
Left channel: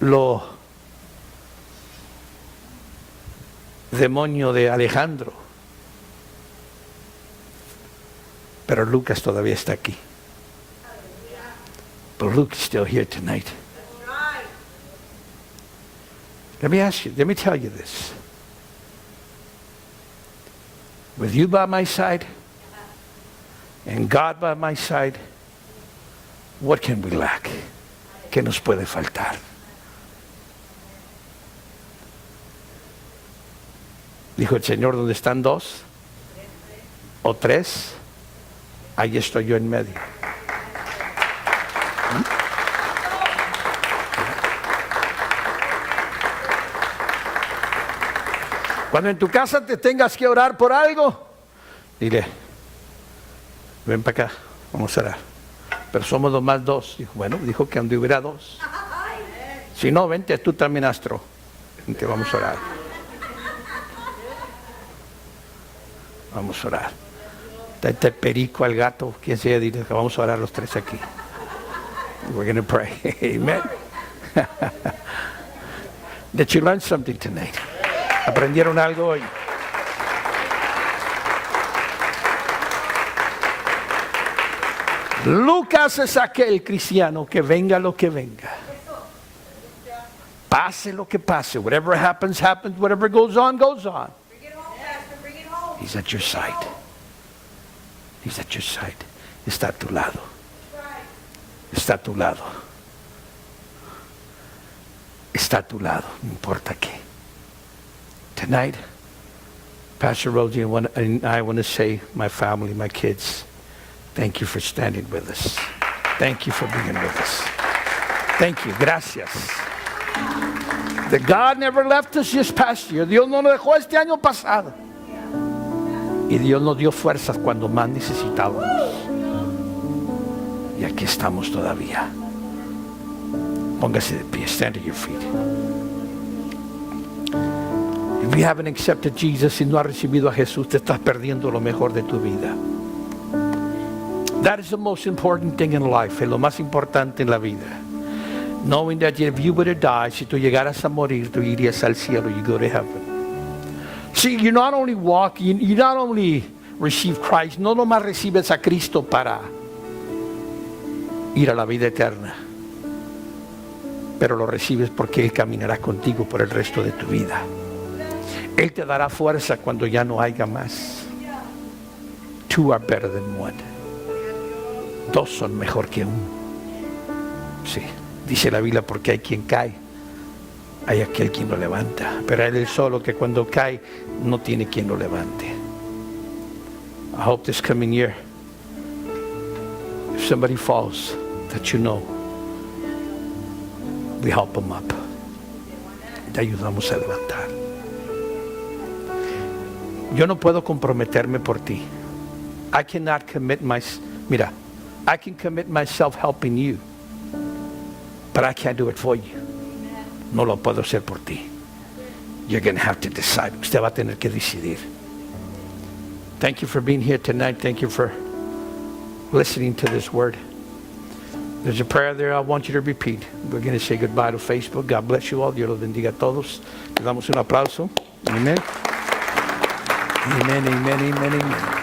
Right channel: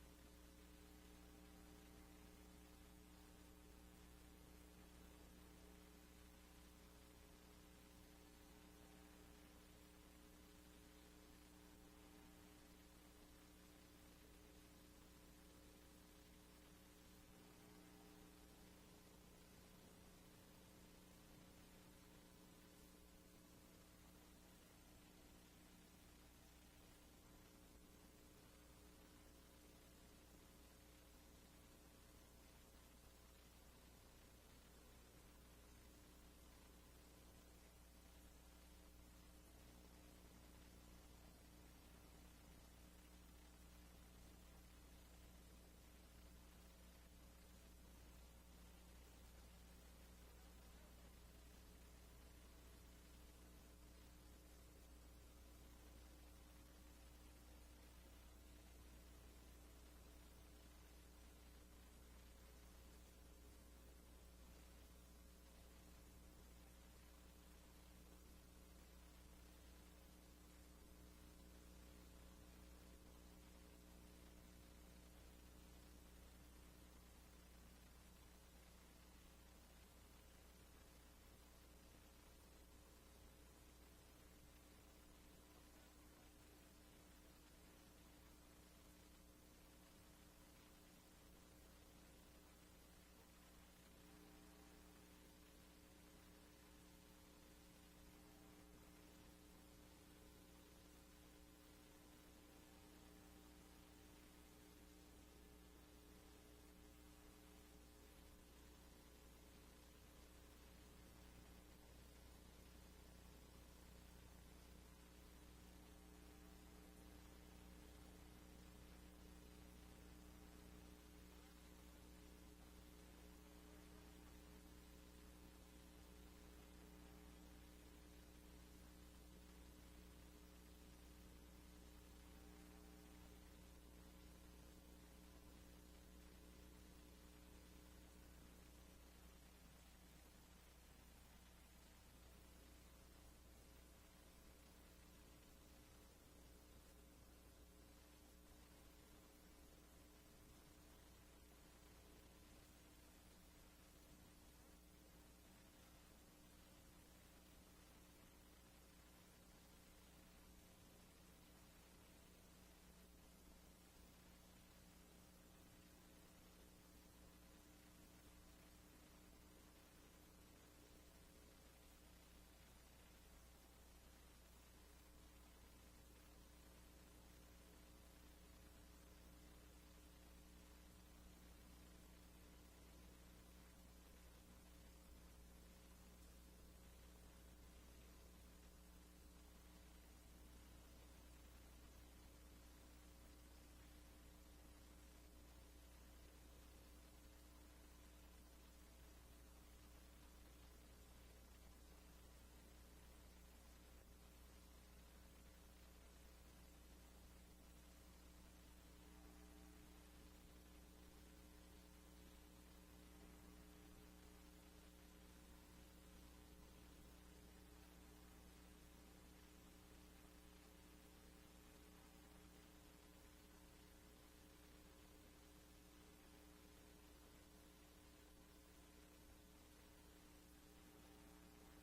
lo demonio de Alejandro. Pero Lucas todavía está aquí. But Luke is still here tonight. Let me tell you this. With you by my side and God by my side, what can we lack? ¿Qué nos puede faltar? Dijo el Señor, donde están dos o tres, ahí estoy yo en medio. Cuando en tu casa te tengas que orar por algo, dile, ven para acá, vamos a orar. Pero somos nomás dos. Dijo, bueno, dijo que donde hubiera dos. Si no, vente tú también, Astro. Vente, vamos a orar. Vamos a orar. Date el perico al gato, quien sea, dile que vamos a orar los tres aquí. We're going to pray. Amen. Did you learn something tonight? ¿Aprendieron algo hoy? Lucas es aquel cristiano que venga lo que venga. Pase lo que pase. Whatever happens, happens. Whatever goes on, goes on. Bring it home, Pastor. Bring it home. He's at your side. He's at your side. Está a tu lado. Está a tu lado. Está a tu lado. No importa qué. Tonight, Pastor Rosie and I want to say, my family, my kids, thank you for standing with us. Thank you for being with us. Thank you. Gracias. That God never left us this past year. Dios no nos dejó este año pasado. Y Dios nos dio fuerzas cuando más necesitábamos. Y aquí estamos todavía. Póngase de pie. Stand at your feet. If you haven't accepted Jesus y no has recibido a Jesús, te estás perdiendo lo mejor de tu vida. That is the most important thing in life. Es lo más importante en la vida. Knowing that if you were to die, si tú llegaras a morir, tú irías al cielo. You go to heaven. See, you not only walk, you not only receive Christ, no nomás recibes a Cristo para ir a la vida eterna, pero lo recibes porque Él caminará contigo por el resto de tu vida. Él te dará fuerza cuando ya no haya más. Two are better than one. Dos son mejor que uno. Sí, dice la Biblia, porque hay quien cae, hay aquel quien lo levanta, pero Él es solo que cuando cae no tiene quien lo levante. I hope this coming year, if somebody falls, that you know, we help them up. Te ayudamos a levantar. Yo no puedo comprometerme por ti. I cannot commit I can commit myself helping you, but I can't do it for you. No lo puedo hacer por ti. You're going to have to decide. Usted va a tener que decidir. Thank you for being here tonight. Thank you for listening to this word. There's a prayer there I want you to repeat. We're going to say goodbye to Facebook. God bless you all. Dios los bendiga a todos. Le damos un aplauso. Amen. Amen, amen, amen, amen.